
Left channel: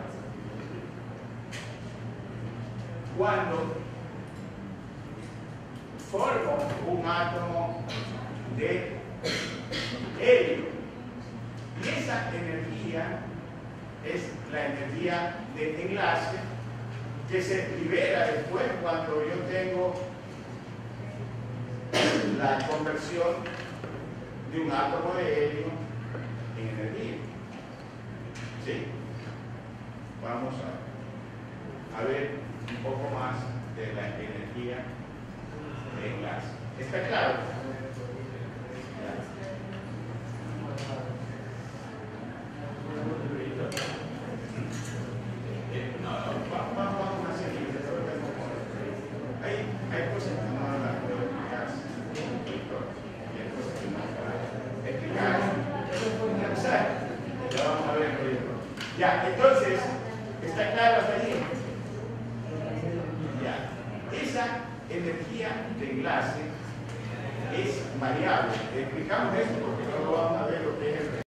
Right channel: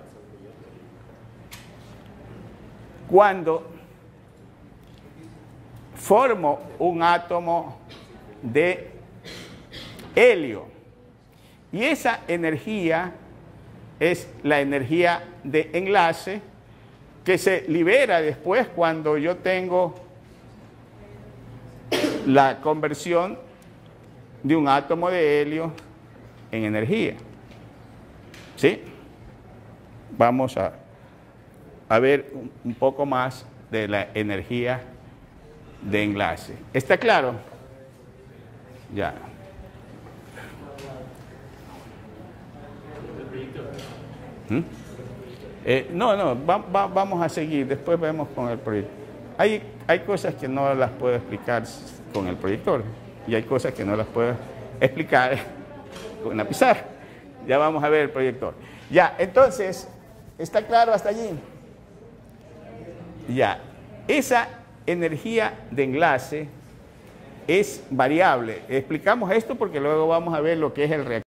cuando formo un átomo de helio. Y esa energía es la energía de enlace que se libera después cuando yo tengo la conversión de un átomo de helio en energía. ¿Sí? Vamos a ver un poco más de la energía de enlace. ¿Está claro? Ya. Vamos a seguir, después vemos con el proyector. Hay cosas que no las puedo explicar con el proyector y hay cosas que no las puedo explicar con una pizarra. Ya vamos a ver el proyector. Ya, entonces, ¿está claro hasta allí? Ya, esa energía de enlace es variable. Explicamos esto porque luego vamos a ver lo que es el reactor.